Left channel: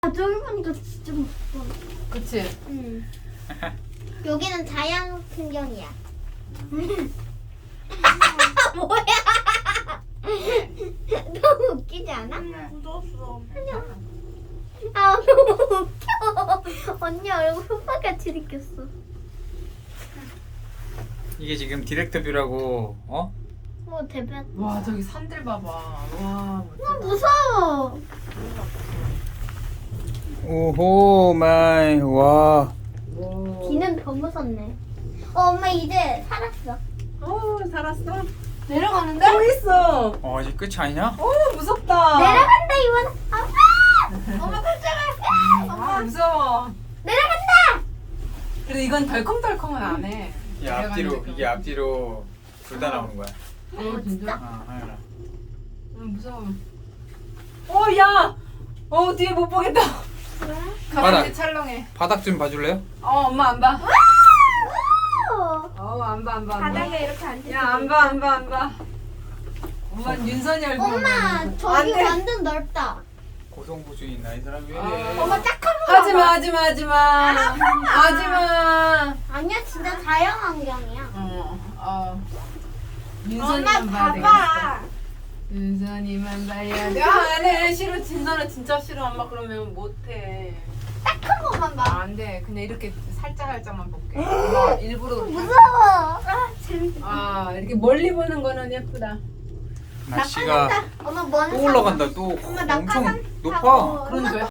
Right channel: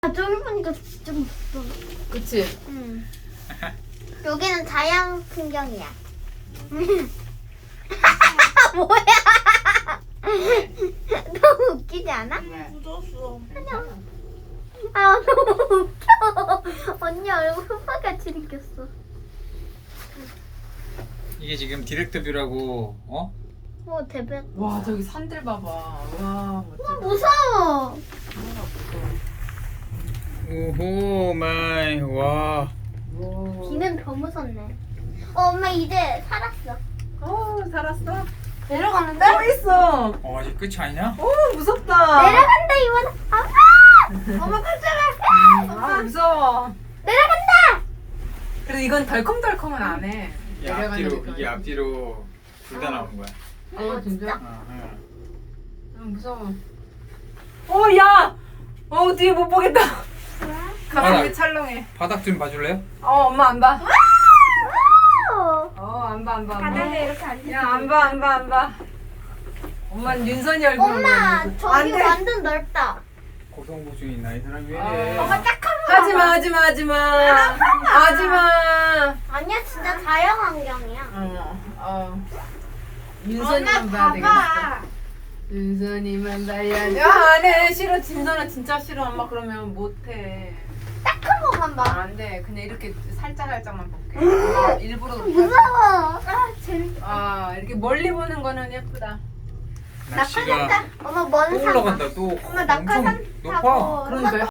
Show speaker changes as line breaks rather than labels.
저기 보니까 좀
그치?
여기는 자연 풍경이야. 뭐야? 너무 웃기지 않아?
묻었어.
아 너무 웃겨. 언니 얼굴 흑박같이 생겼어.
이게 지금 디렉터뷰라고 어?
오 대박.
와 저기 산들 봐봐. 와 멋지다.
무서워.
오호 마이 와.
비는 더 무섭네. 엄마 이제 살았어.
어우 살았어.
내려가는데?
또 있어.
아직 끝이 아니냐?
오 무섭다.
내려간다 이번. 엄마! 엄마 깜짝아.
아 무서워.
내려간다.
그래 이건 덜컹덜컹은 안 해.
이게 앞뒤로 둘 다 나오는 거야.
어 진짜?
하연아.
무서워. 어 야. 어 뒤에 못 보겠다. 가슴이
알아.
찰렁해.
바닥 좀 봐줄래요?
어 엄마 안 봐.
오.
안 봐.
바닥에 이렇게 앉아.
야 안 봐. 엄마는 윤선이 얼굴
엄마
보면
저기
안 돼.
완전 넓다.
고성보증이 있나 이 사람이 왜 이래?
엄마 딱 한 번.
하지마.
아니야 진짜 자연 환경이야.
윤선이만 봐야 되겠어. 윤선이만 봐야 돼. 안해 싫어. 진선아 진짜 싫어. 엄마 그러면 못해.
딱 한 번만 봐.
안돼. 그냥 이렇게 살짝만 볼게. 엄마 일부러 그렇게 하지 마.
무서워. 아 재밌다.
이렇게 멀리 보는 거는 예쁘다.
날씨가
엄마 먼
또
산.
올라간다 또
엄마
엄청
낙하산
높아.
타고.
그러니까요.